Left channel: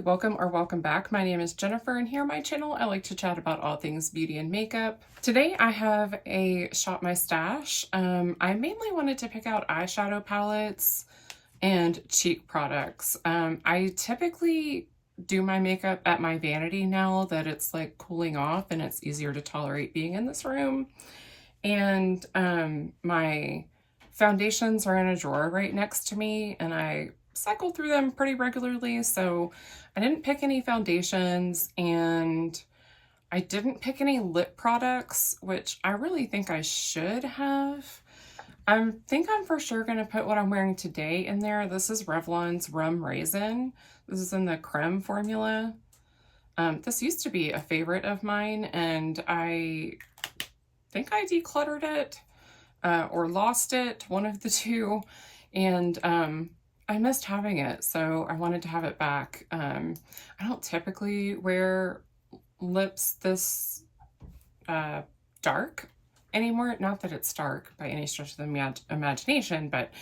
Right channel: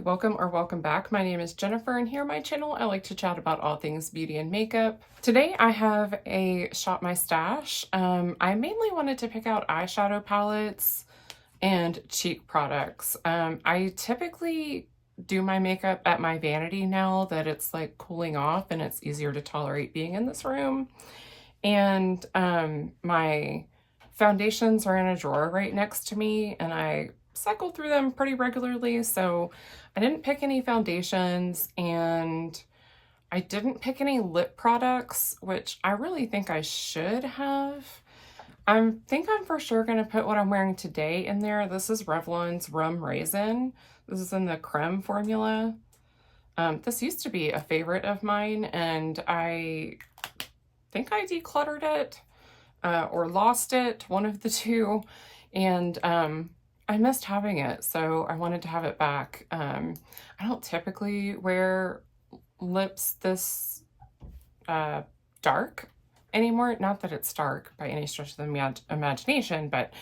welcome or welcome back. My name is Jennifer, and here on my channel I like to chat about all things beauty and makeup. Today I have a Shop My Stash. I mainly wanted to pick out eyeshadow palettes and cheek products. I typically do my makeup at my vanity now that it's like cooling off and it's easier to tolerate being in this room. And my foundations are in a drawer right next to me, and I cycle through them pretty regularly, so I didn't pick any foundations and I didn't pick any lip products, which I really think I should have. I think I'm for sure going to put what I'm wearing today in there. This is Revlon's Rum Raisin. This is in the creme formula. This used to be a favorite of mine, and I think I decluttered it or lost it, one of the two, and I missed having it, so I wanted to have it back. I don't typically wear lips this dark anymore. Not that it's dark by any stretch of the imagination, but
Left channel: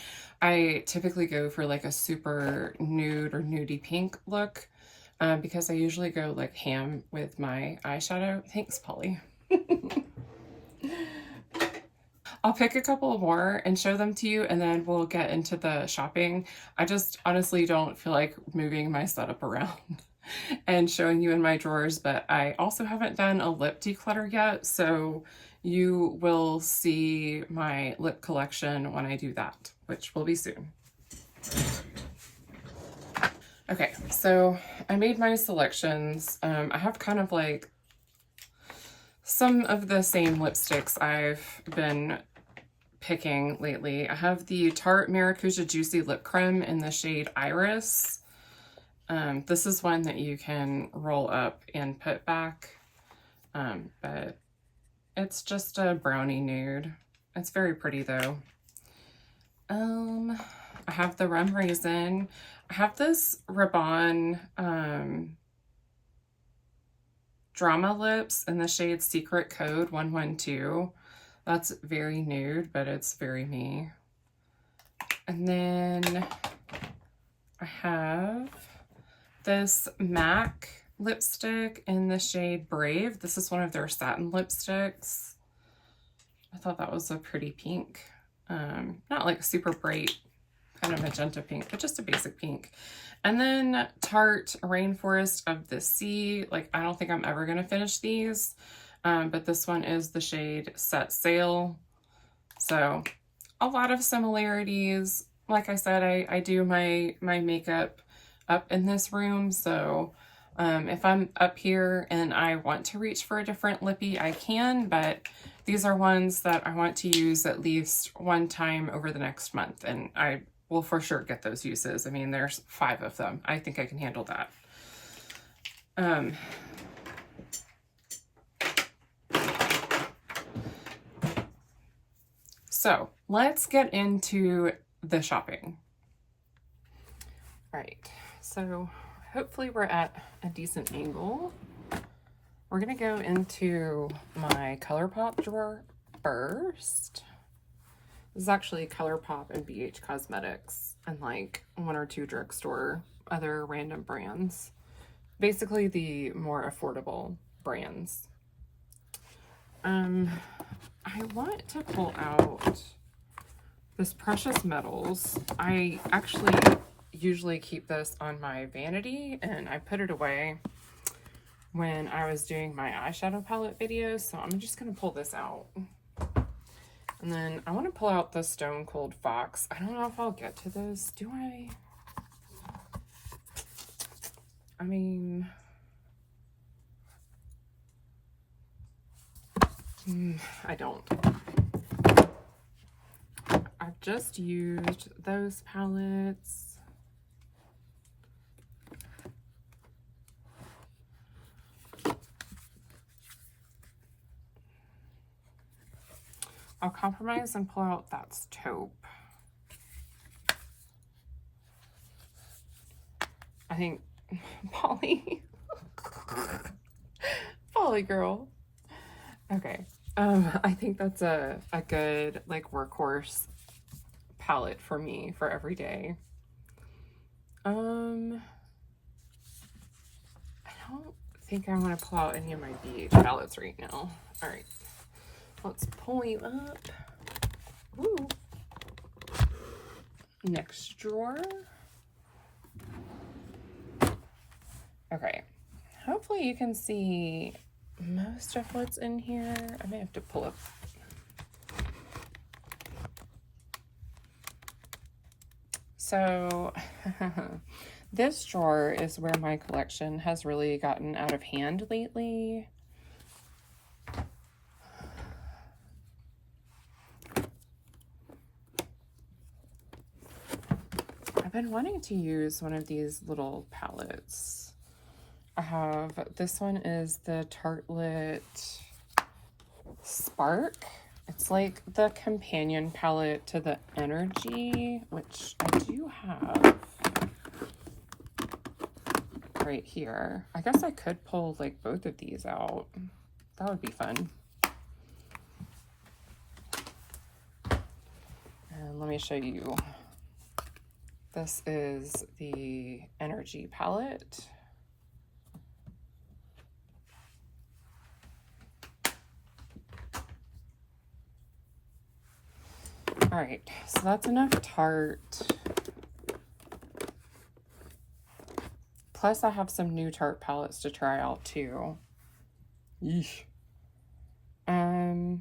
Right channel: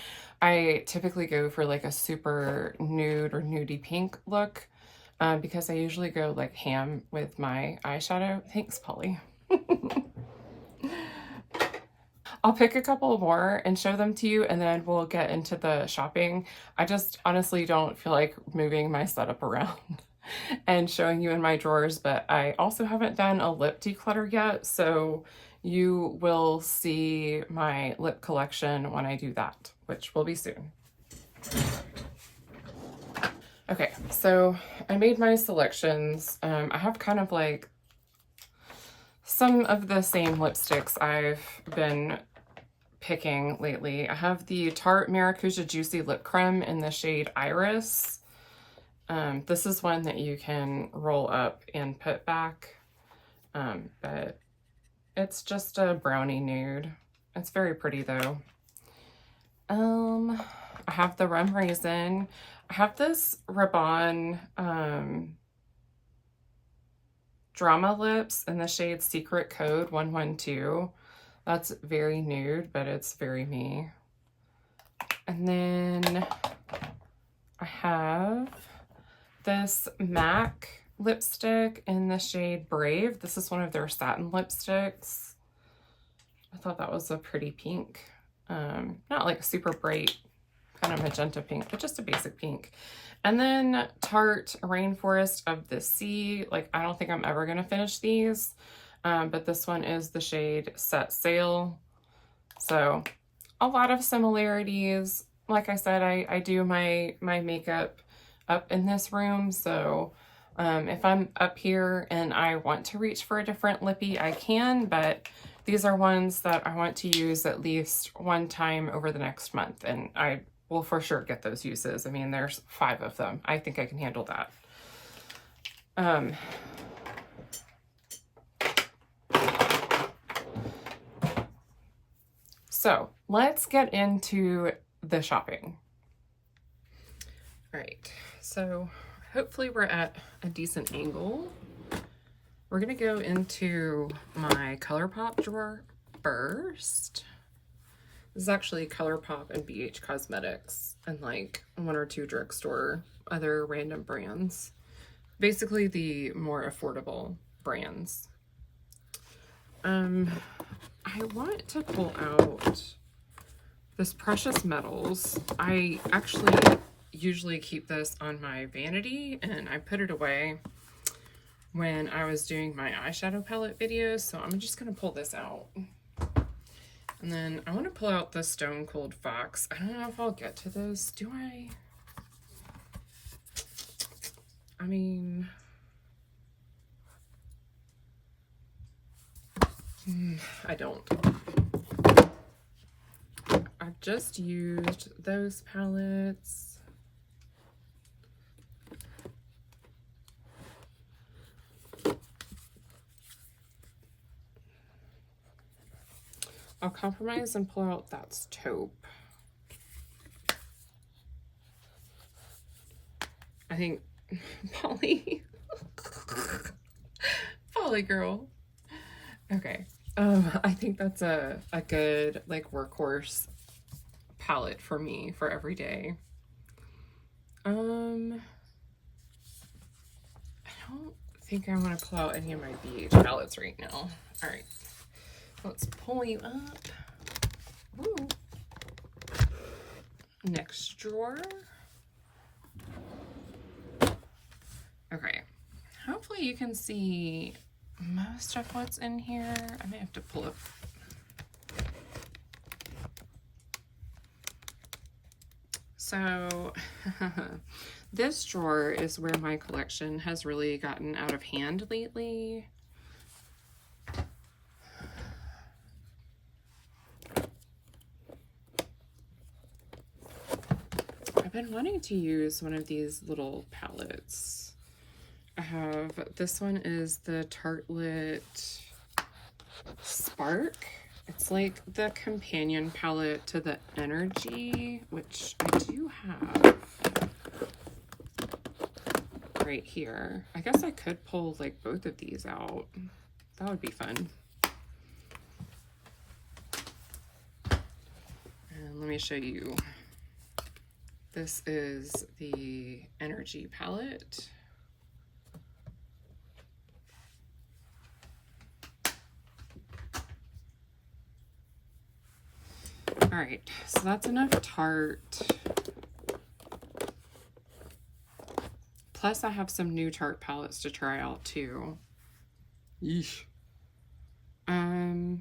I typically go for like a super nude or nudie pink look because I usually go like ham with my eyeshadow. Thanks, Polly. I'll pick a couple more and show them to you, and then we'll get into the shopping. I just honestly don't feel like moving my setup around and showing you in my drawers, but I also haven't done a lip declutter yet, so you will see my lip collection when I do that, which will be soon. Okay, so I made my selections. I have kind of like some of the same lipsticks I've been picking lately. I have the Tarte Maracuja Juicy Lip Creme in the shade Iris. This is one that you can roll up and put back, but it's just a brownie nude. It's very pretty though. I have the Rum Raisin. I have this Rabanne Drama Lips in the shade Secret Code 112. That's very nude, but it's very me. And then I have this MAC lipstick in the shade Brave. This is one of their satin lipsticks. I thought that was a pretty pink. Not like a super bright kind of magenta pink, but just a basic pink. And then Tarte Rainforest of the Sea. Like, I don't think I'm ever going to finish these, but this one is the shade Set Sail. So a lot of similarities. Like I said, I do my makeup up in this room, so if I'm up here and I want to reach for a different lippy, I can, but these are ones that I want to use at least one time over the next month, and I will for sure get those uses. I mean, there's 5 of them. I think I can handle that. So let's get into the shopping. All right, so hopefully we're at a decent angle. We're gonna go into my ColourPop drawer first. This is actually ColourPop and BH Cosmetics and like 1 or 2 drugstore other random brands. Basically the more affordable brands. I want to pull out this Precious Metals. I actually usually keep this on my vanity, and I put it away when I was doing my eyeshadow palette videos, so I'm just going to pull this out. And then I want to pull out the Stone Cold Fox. I don't know if I'll get to this. Do I? I mean, I don't. I've just used those palettes. I'll compromise and pull out that taupe. I think Polly. Polly girl. Okay. I think that's a good like workhorse palette for me for every day. don't think I want to pull out any of my BH palettes right now. All right, let's pull you up. Ooh. Next drawer. Okay, hopefully you can see most of what's in here. I may have to pull up. So this drawer is where my collection has really gotten out of hand lately. I've been wanting to use one of these little palettes. I have, this one is the Tartelette Spark. It's like the companion palette to the Energy, which I do have right here. I guess I could pull like both of these out. That would be fun. And let me show you. This is the Energy palette. All right, so that's enough Tarte. Plus I have some new Tarte palettes to try out too. Yeesh. I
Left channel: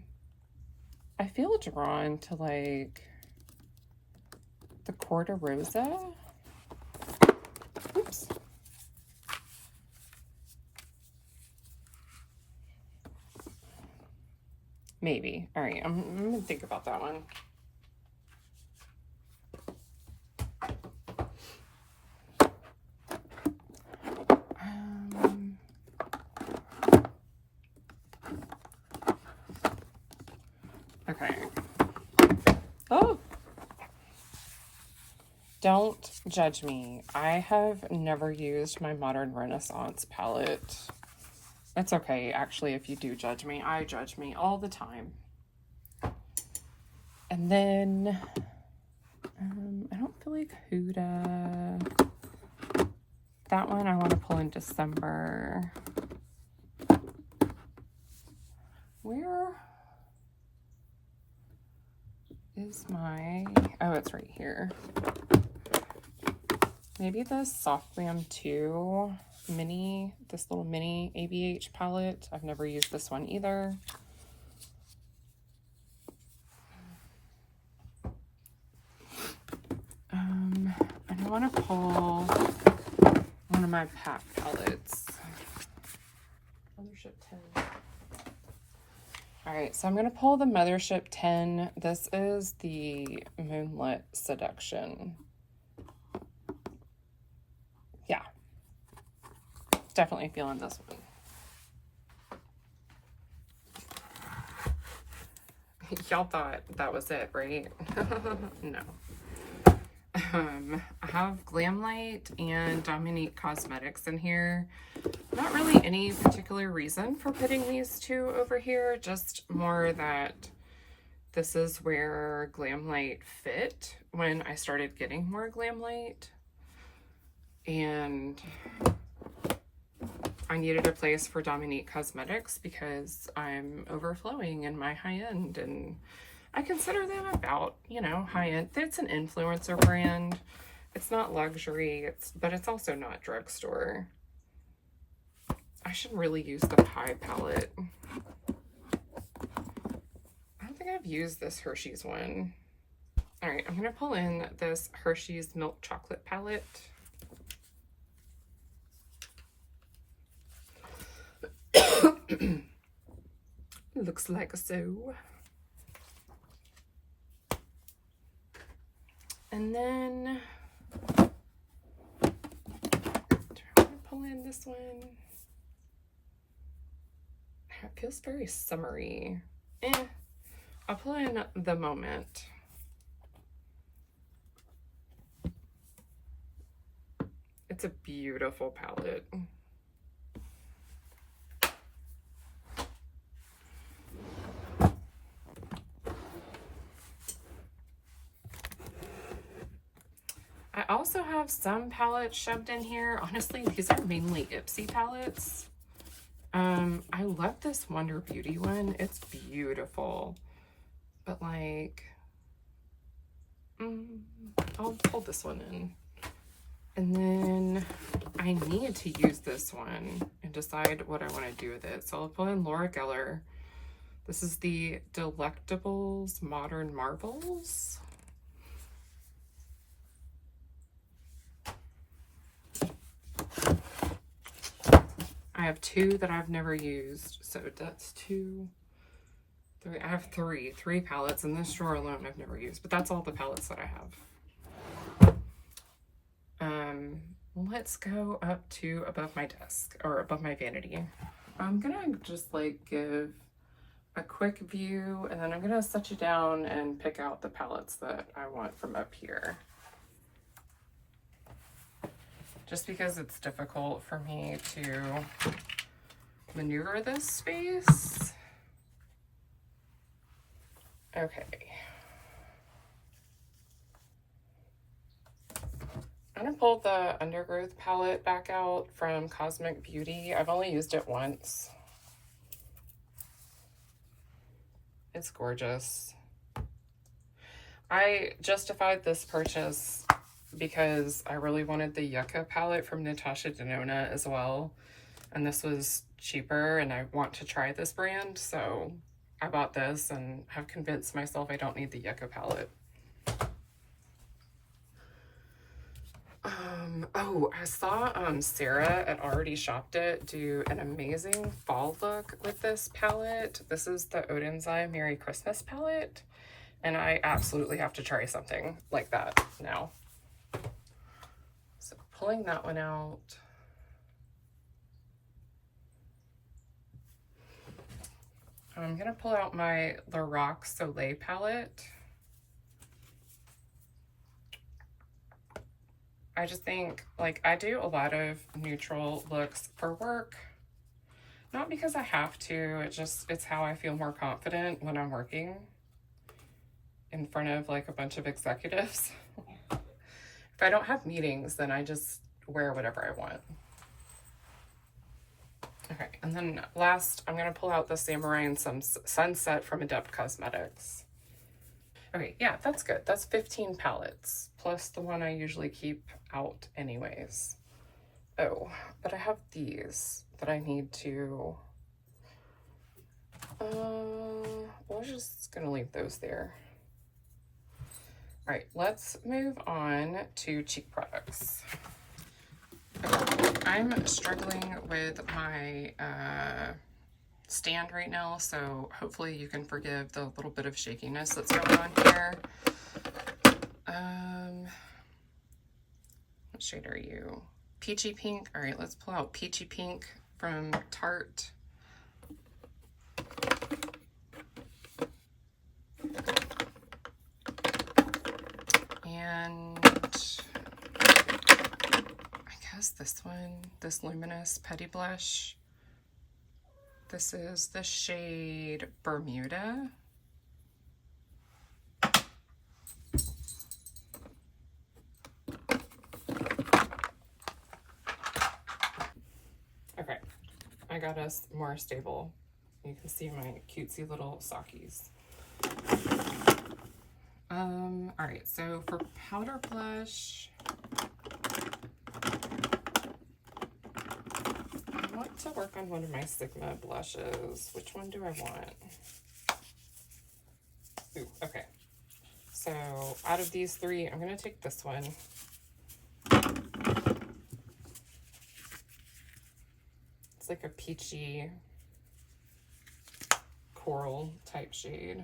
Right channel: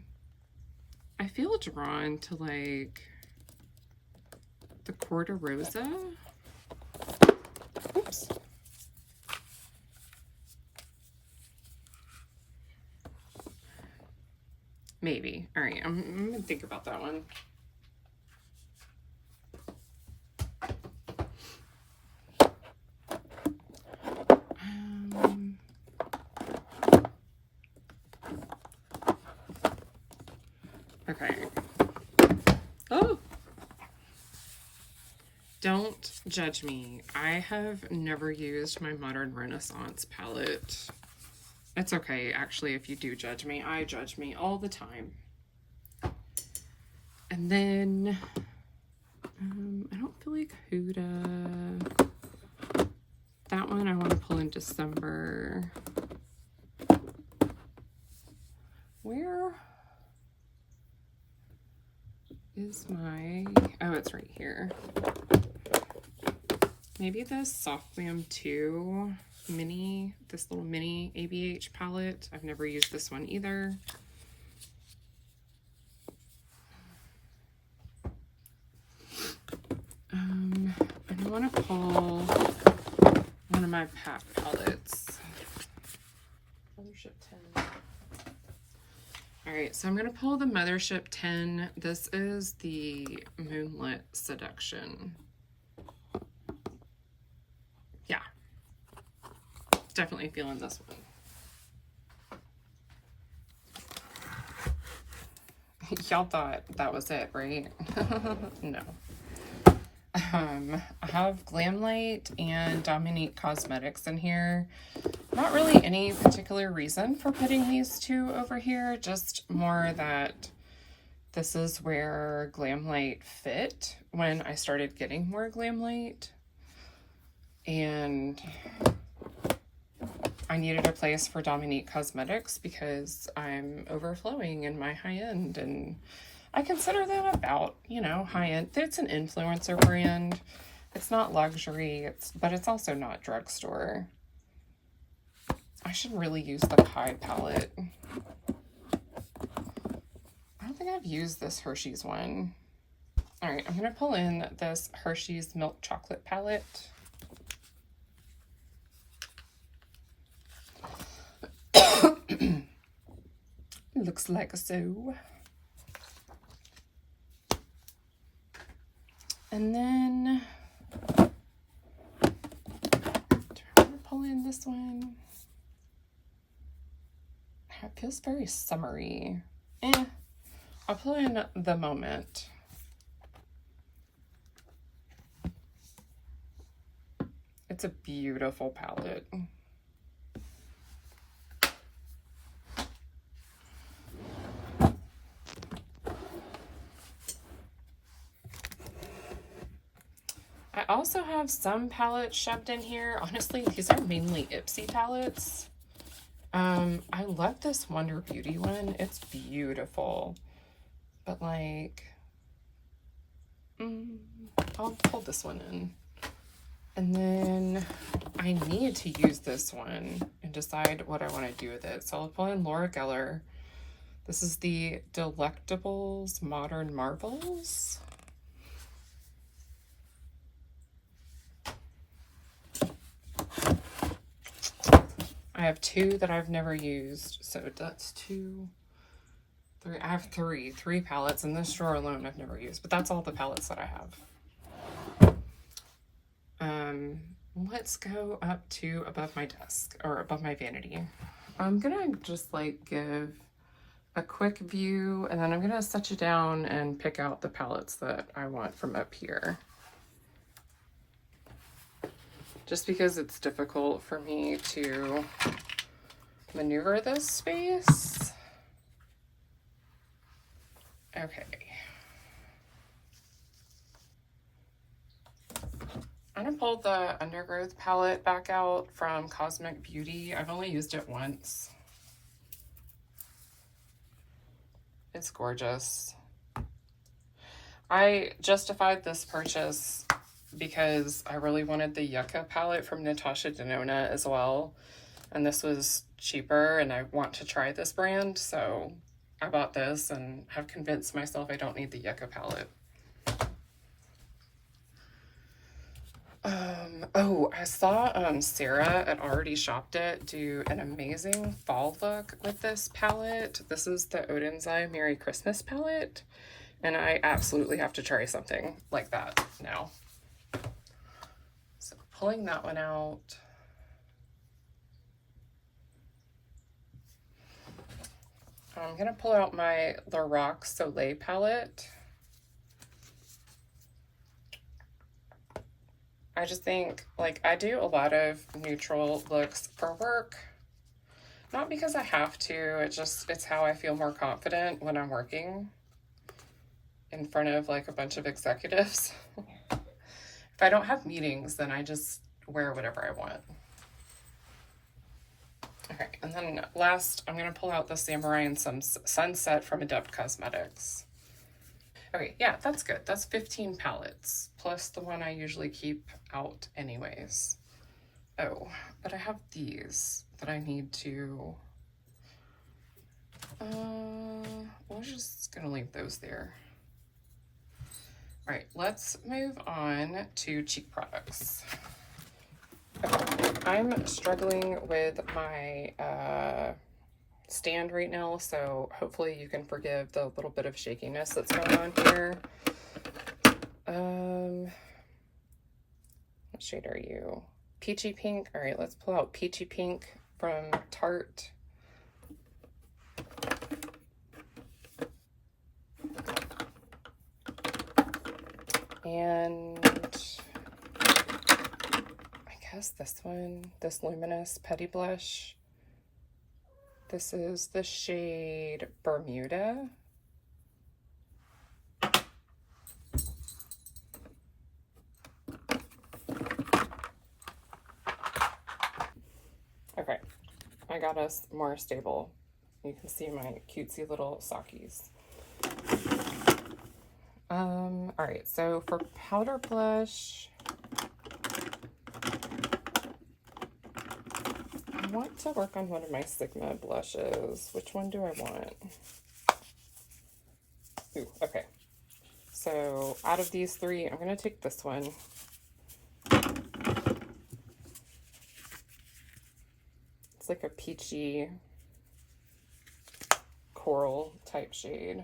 feel drawn to like the Corta Rosa. Oops. Maybe. All right, I'm gonna think about that one. Okay. Oh! Don't judge me. I have never used my Modern Renaissance palette. It's okay, actually, if you do judge me. I judge me all the time. And then, I don't feel like Huda. That one I want to pull in December. Where is my, oh, it's right here. Maybe the Soft Glam 2 mini, this little mini ABH palette. I've never used this one either. And I want to pull one of my Pat palettes. Mothership 10. All right, so I'm going to pull the Mothership 10. This is the Moonlit Seduction. Yeah, definitely feeling this one. Y'all thought that was it, right? No. I have Glamlite and Dominique Cosmetics in here. Not really any particular reason for putting these two over here, just more that this is where Glamlite fit when I started getting more Glamlite. And I needed a place for Dominique Cosmetics because I'm overflowing in my high-end, and I consider them about, you know, high-end. It's an influencer brand. It's not luxury, but it's also not drugstore. I should really use the Pie palette. I don't think I've used this Hershey's one. All right, I'm gonna pull in this Hershey's Milk Chocolate palette. Looks like so. And then I'm gonna pull in this one. It feels very summery. I'll pull in The Moment. It's a beautiful palette. I also have some palettes shoved in here. Honestly, these are mainly Ipsy palettes. I love this Wonder Beauty one. It's beautiful. But like, I'll pull this one in. And then I need to use this one and decide what I want to do with it. So I'll pull in Laura Geller. This is the Delectables Modern Marvels. I have two that I've never used. So that's 2, 3. I have three palettes in this drawer alone I've never used, but that's all the palettes that I have. Let's go up to above my desk, or above my vanity. I'm gonna just like give a quick view, and then I'm gonna set you down and pick out the palettes that I want from up here. Just because it's difficult for me to maneuver this space. Okay. I'm gonna pull the Undergrowth palette back out from Cosmic Beauty. I've only used it once. It's gorgeous. I justified this purchase because I really wanted the Yucca palette from Natasha Denona as well. And this was cheaper, and I want to try this brand, so I bought this and have convinced myself I don't need the Yucca palette. Oh, I saw Sarah at Already Shopped It do an amazing fall look with this palette. This is the Odense Merry Christmas palette, and I absolutely have to try something like that now. So pulling that one out. I'm gonna pull out my Lorac Soleil palette. I just think, like, I do a lot of neutral looks for work. Not because I have to, it's how I feel more confident when I'm working in front of like a bunch of executives. If I don't have meetings, then I just wear whatever I want. Okay, and then last, I'm gonna pull out the Samurai and Sunset from Adept Cosmetics. Okay, yeah, that's good. That's 15 palettes, plus the one I usually keep out anyways. Oh, but I have these that I need to... we're just gonna leave those there. All right, let's move on to cheek products. Okay, I'm struggling with my stand right now, so hopefully you can forgive the little bit of shakiness that's going on here. What shade are you? Peachy Pink. All right, let's pull out Peachy Pink from Tarte. And I guess this one, this Luminous Petty Blush. This is the shade Bermuda. Okay, I got us more stable. You can see my cutesy little sockies. All right, so for powder blush, I want to work on one of my Sigma blushes. Which one do I want? Ooh, okay. So out of these three, I'm gonna take this one. It's like a peachy coral type shade.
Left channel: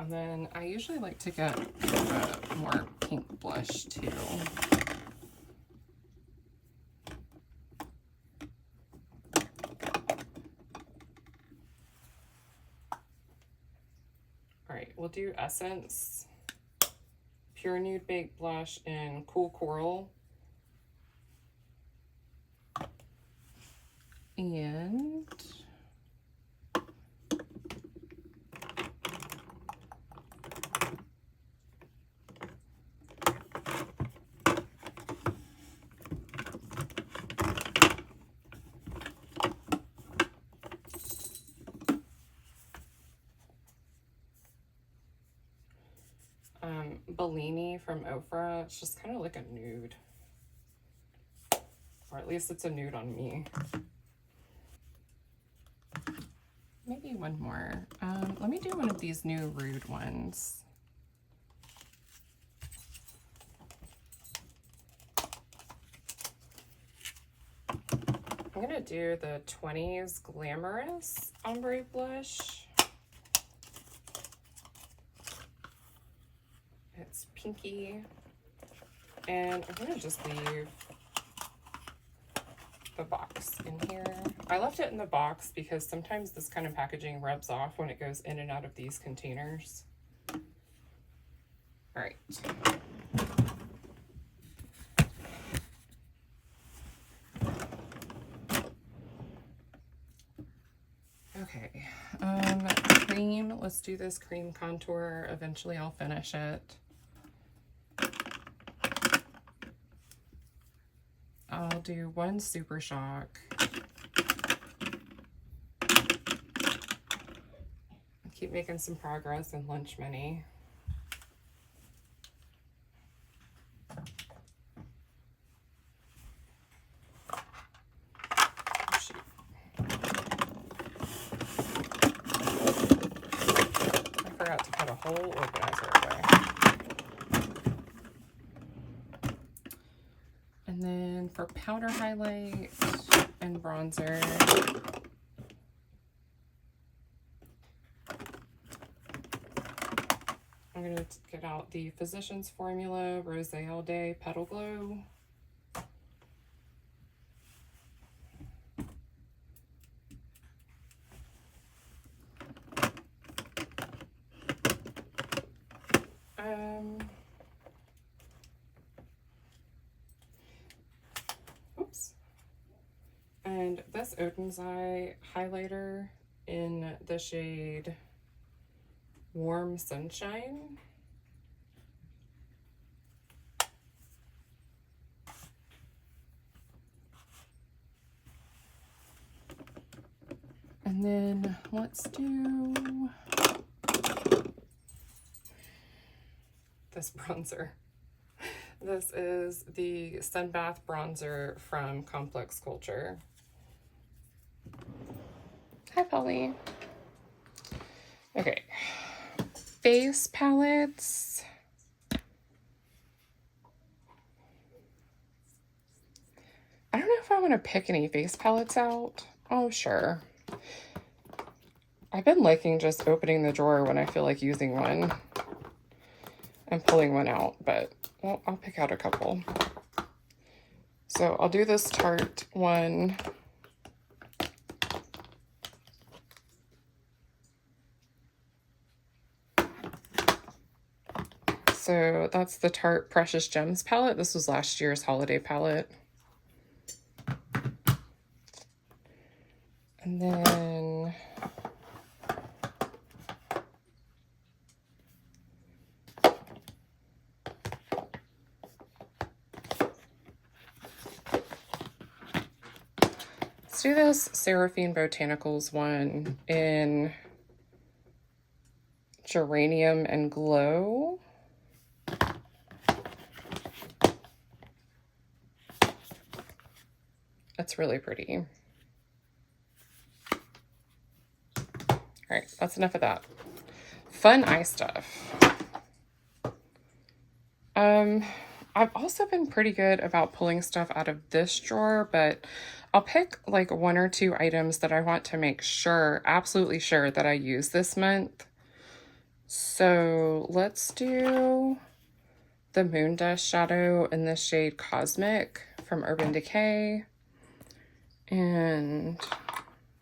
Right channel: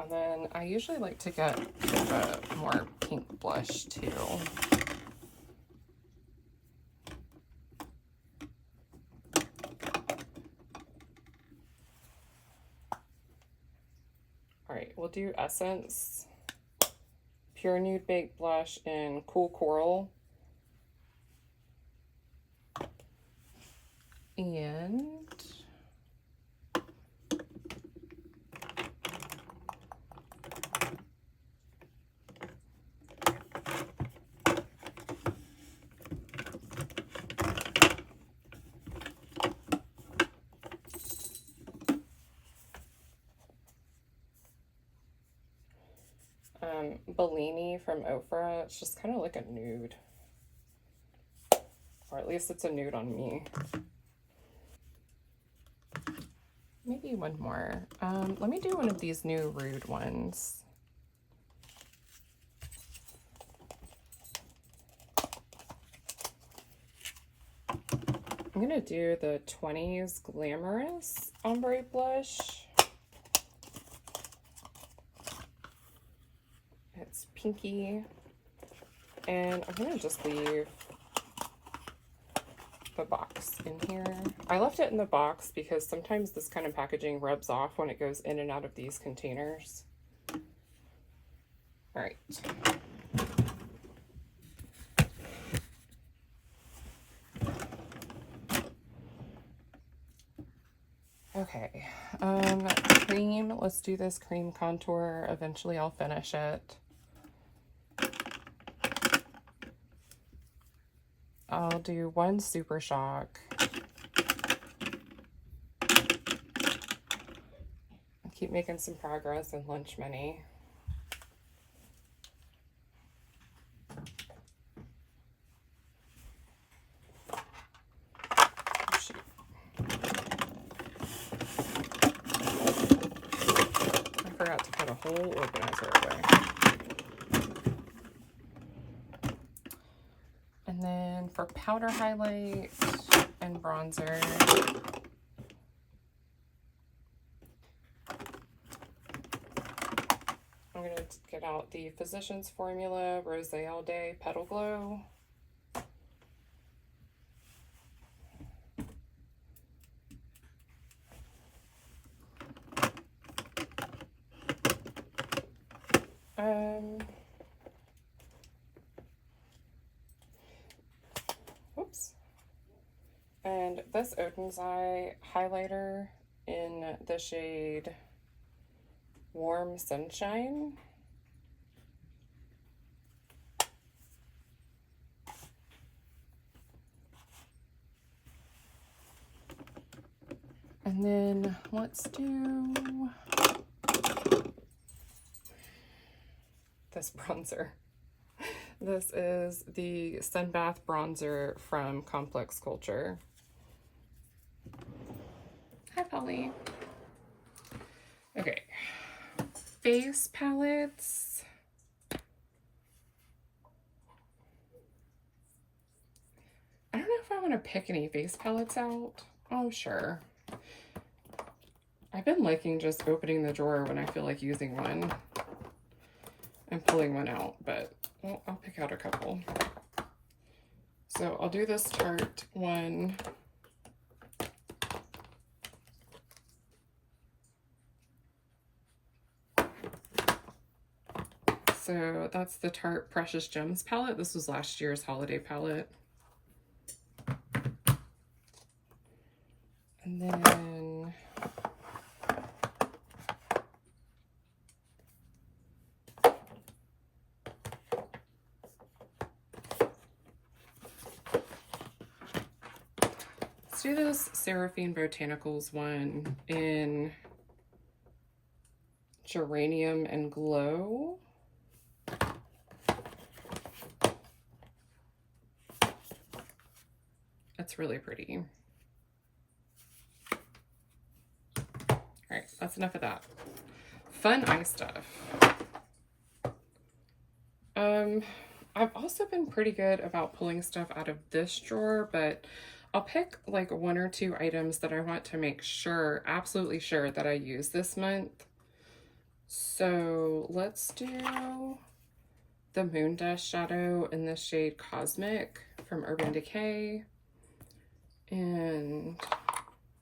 And then I usually like to get a more pink blush too. All right, we'll do Essence Pure Nude Baked Blush in Cool Coral. And Bellini from Ofra. It's just kind of like a nude. Or at least it's a nude on me. Maybe one more. Let me do one of these new Rude ones. I'm gonna do the 20s Glamorous Ombre Blush. It's pinky. And I'm gonna just leave the box in here. I left it in the box because sometimes this kind of packaging rubs off when it goes in and out of these containers. All right. Okay, cream, let's do this cream contour. Eventually I'll finish it. I'll do one Super Shock. I keep making some progress in Lunch Mini. Whole organizer away. And then for powder highlight and bronzer, I'm going to get out the Physicians Formula Rose All Day Petal Glow. Oops. And this Oden's Eye highlighter in the shade Warm Sunshine. And then let's do this bronzer. This is the Sun Bath bronzer from Complex Culture. Hi, Polly. Okay, face palettes. I don't know if I want to pick any face palettes out. Oh, sure. I've been liking just opening the drawer when I feel like using one and pulling one out, but well, I'll pick out a couple. So I'll do this Tarte one. So that's the Tarte Precious Gems palette. This was last year's holiday palette. And then let's do this Seraphine Botanicals one in Geranium and Glow. That's really pretty. All right, that's enough of that. Fun eye stuff. I've also been pretty good about pulling stuff out of this drawer, but I'll pick like one or two items that I want to make sure, absolutely sure, that I use this month. So let's do the Moon Dust shadow in the shade Cosmic from Urban Decay. And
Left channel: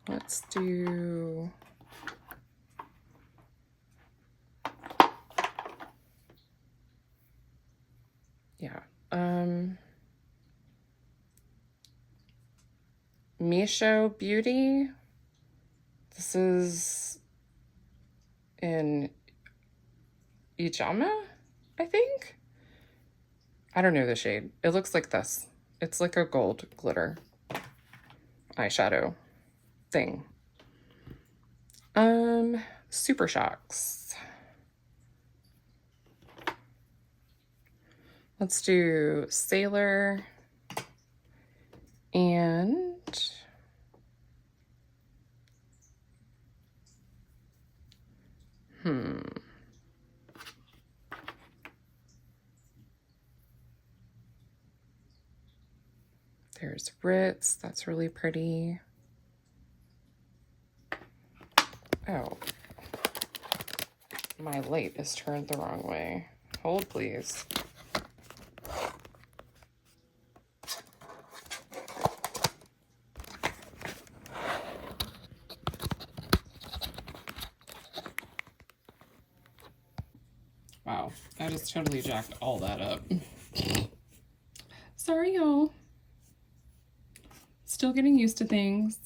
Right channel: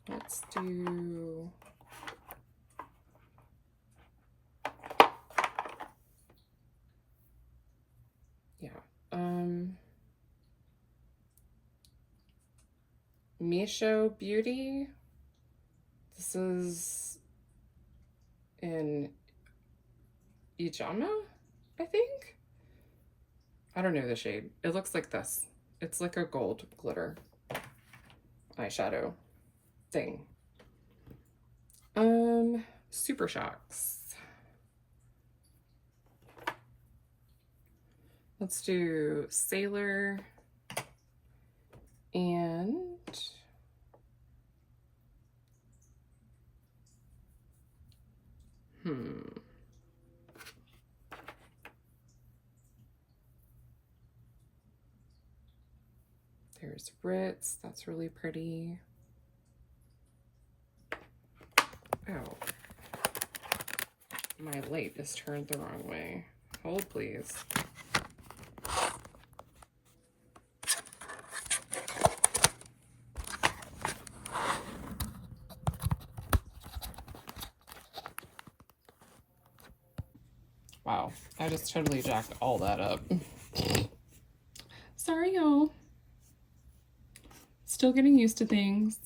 let's do Misho Beauty. This is in Ijama, I think. I don't know the shade. It looks like this. It's like a gold glitter eyeshadow thing. Super Shocks. Let's do Sailor and there's Ritz. That's really pretty. Oh, my light is turned the wrong way. Hold, please. Wow, I just totally jacked all that up. Sorry, y'all. Still getting used to things.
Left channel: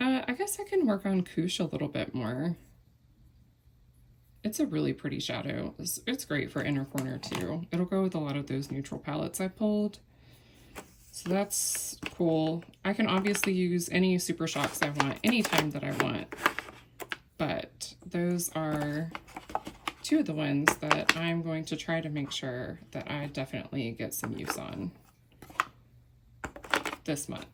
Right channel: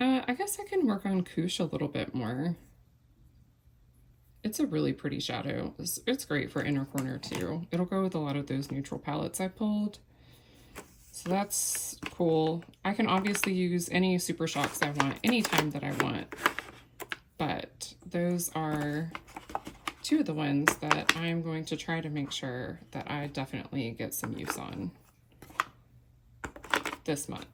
I guess I can work on Koosh a little bit more. It's a really pretty shadow. It's great for inner corner too. It'll go with a lot of those neutral palettes I pulled. So that's cool. I can obviously use any Super Shocks I want anytime that I want. But those are two of the ones that I'm going to try to make sure that I definitely get some use on this month.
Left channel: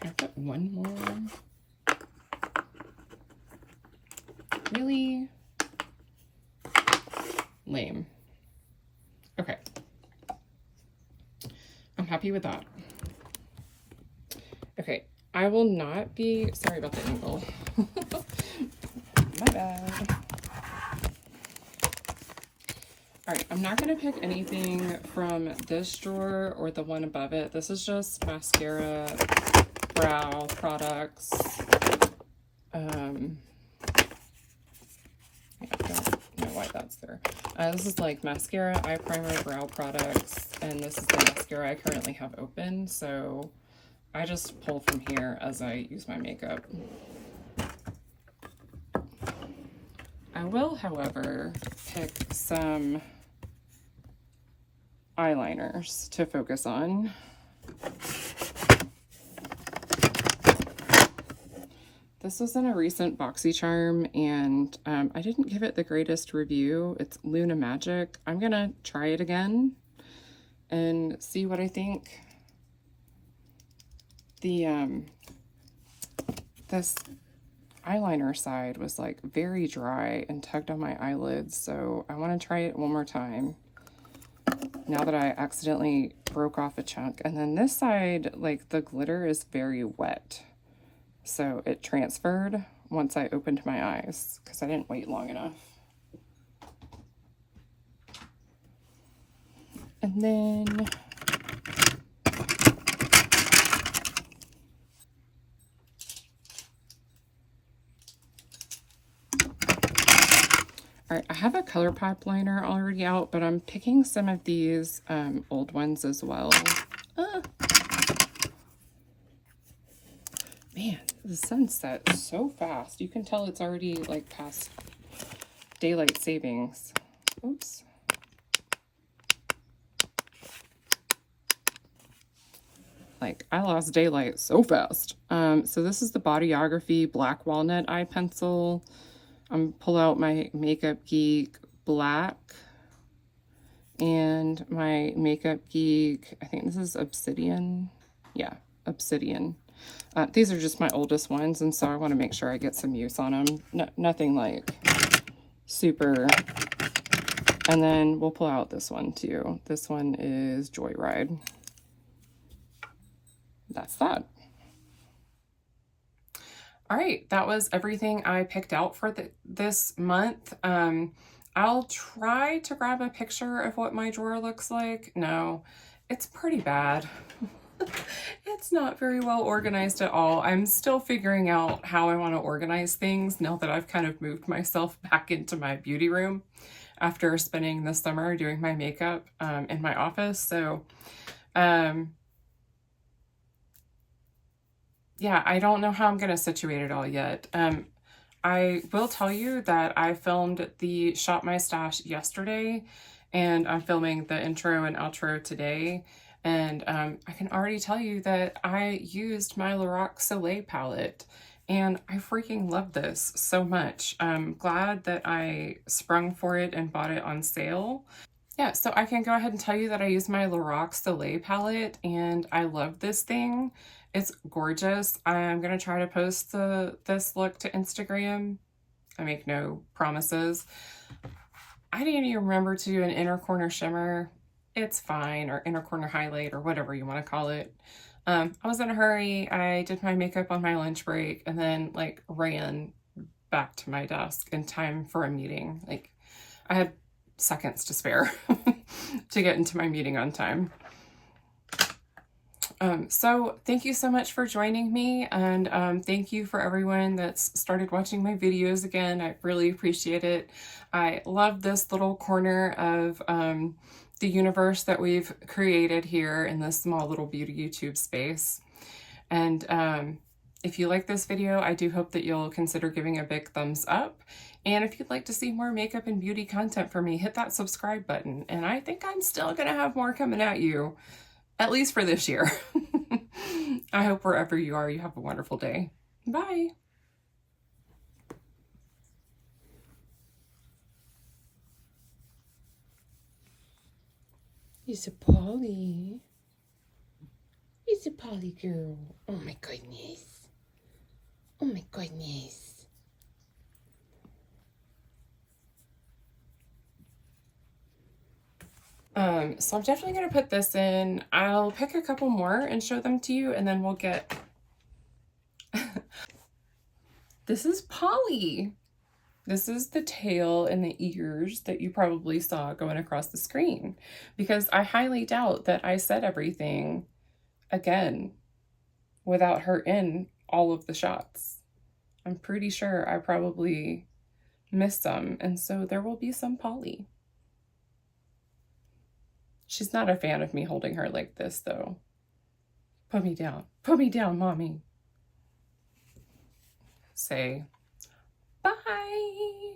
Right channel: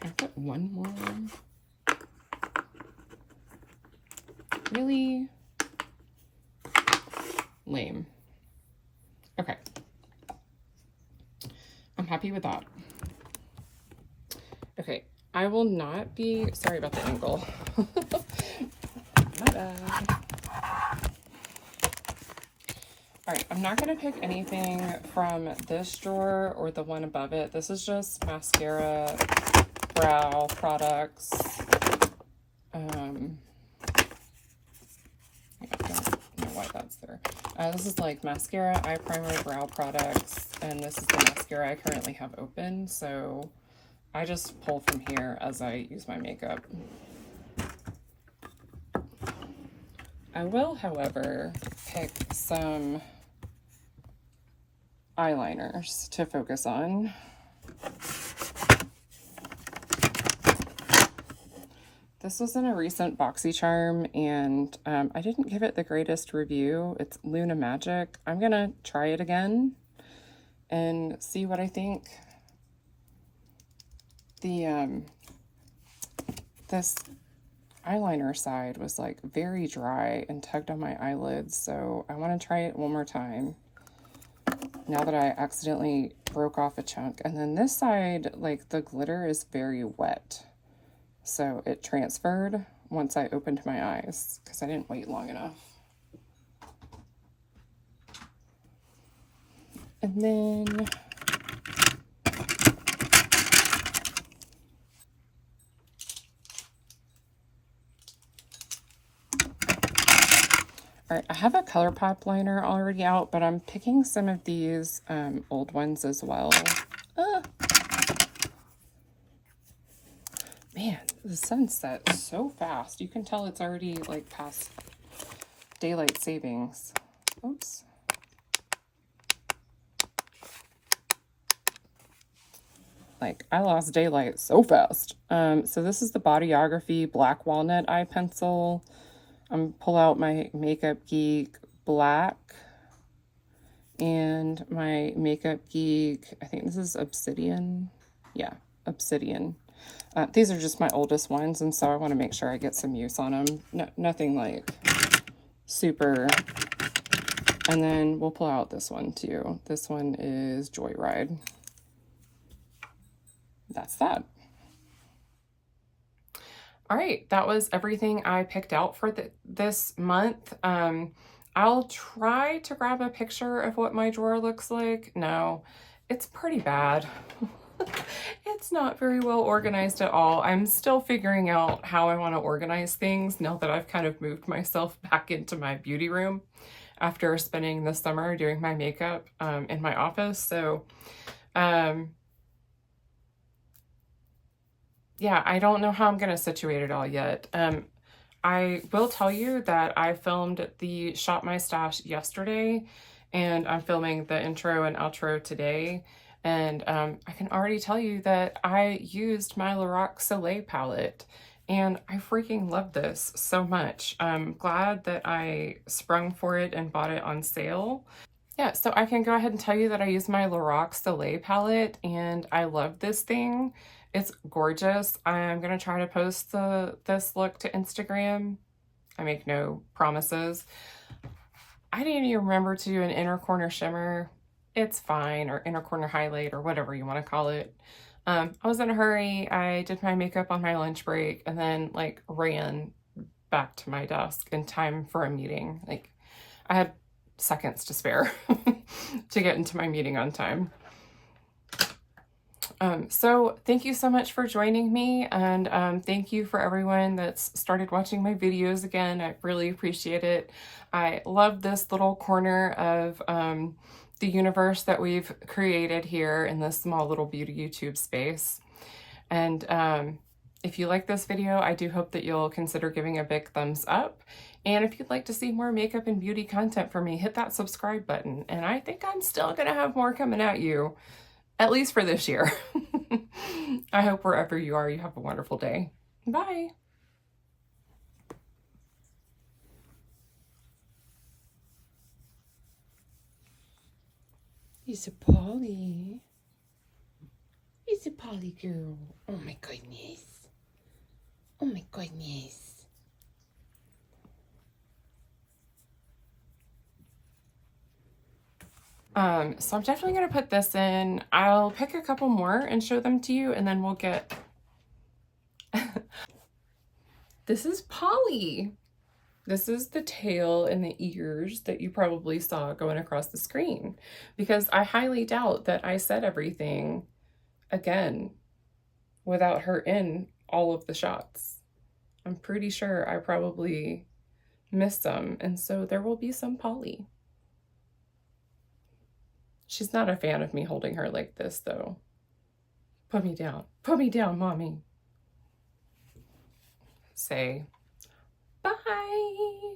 Can I put one more? Really? Lame. Okay. I'm happy with that. Okay, I will not be, sorry about the angle. My bad. All right, I'm not gonna pick anything from this drawer or the one above it. This is just mascara, brow products. I don't know why that's there. This is like mascara, eye primer, brow products, and this is the mascara I currently have open, so I just pull from here as I use my makeup. I will, however, pick some eyeliners to focus on. This is in a recent BoxyCharm, and I didn't give it the greatest review. It's Luna Magic. I'm gonna try it again and see what I think. This eyeliner side was like very dry and tugged on my eyelids, so I want to try it one more time now that I accidentally broke off a chunk. And then this side, like the glitter is very wet, so it transferred once I opened my eyes because I didn't wait long enough. And then all right, I have a ColourPop liner already out, but I'm picking some of these old ones as well. Man, the sun sets so fast. You can tell it's already like past daylight savings. Oops. Like, I lost daylight so fast. So this is the Bodyography Black Walnut Eye Pencil. I'm pull out my Makeup Geek Black and my Makeup Geek, I think this is Obsidian. Yeah, Obsidian. These are just my oldest ones, and so I want to make sure I get some use on them. No, nothing like super. And then we'll pull out this one too. This one is Joyride. That's that. All right, that was everything I picked out for this month. I'll try to grab a picture of what my drawer looks like. No, it's pretty bad. It's not very well organized at all. I'm still figuring out how I want to organize things now that I've kind of moved myself back into my beauty room after spending the summer doing my makeup in my office. So, yeah, I don't know how I'm going to situate it all yet. I will tell you that I filmed the Shop My Stash yesterday, and I'm filming the intro and outro today. And I can already tell you that I used my Lorac Soleil palette, and I freaking love this so much. I'm glad that I sprung for it and bought it on sale. Yeah, so I can go ahead and tell you that I use my Lorac Soleil palette, and I love this thing. It's gorgeous. I'm gonna try to post this look to Instagram. I make no promises. I didn't even remember to do an inner corner shimmer. It's fine, or inner corner highlight, or whatever you want to call it. I was in a hurry. I did my makeup on my lunch break and then like ran back to my desk in time for a meeting. Like I had seconds to spare to get into my meeting on time. So thank you so much for joining me, and thank you for everyone that's started watching my videos again. I really appreciate it. I love this little corner of the universe that we've created here in this small little beauty YouTube space. And if you like this video, I do hope that you'll consider giving a big thumbs up. And if you'd like to see more makeup and beauty content from me, hit that subscribe button. And I think I'm still gonna have more coming at you, at least for this year. I hope wherever you are, you have a wonderful day. Bye. It's a Polly. It's a Polly girl. Oh my goodness. Oh my goodness. So I'm definitely going to put this in. I'll pick a couple more and show them to you, and then we'll get... This is Polly. This is the tail and the ears that you probably saw going across the screen, because I highly doubt that I said everything again without her in all of the shots. I'm pretty sure I probably missed some, and so there will be some Polly. She's not a fan of me holding her like this, though. Put me down. Put me down, mommy. Say bye.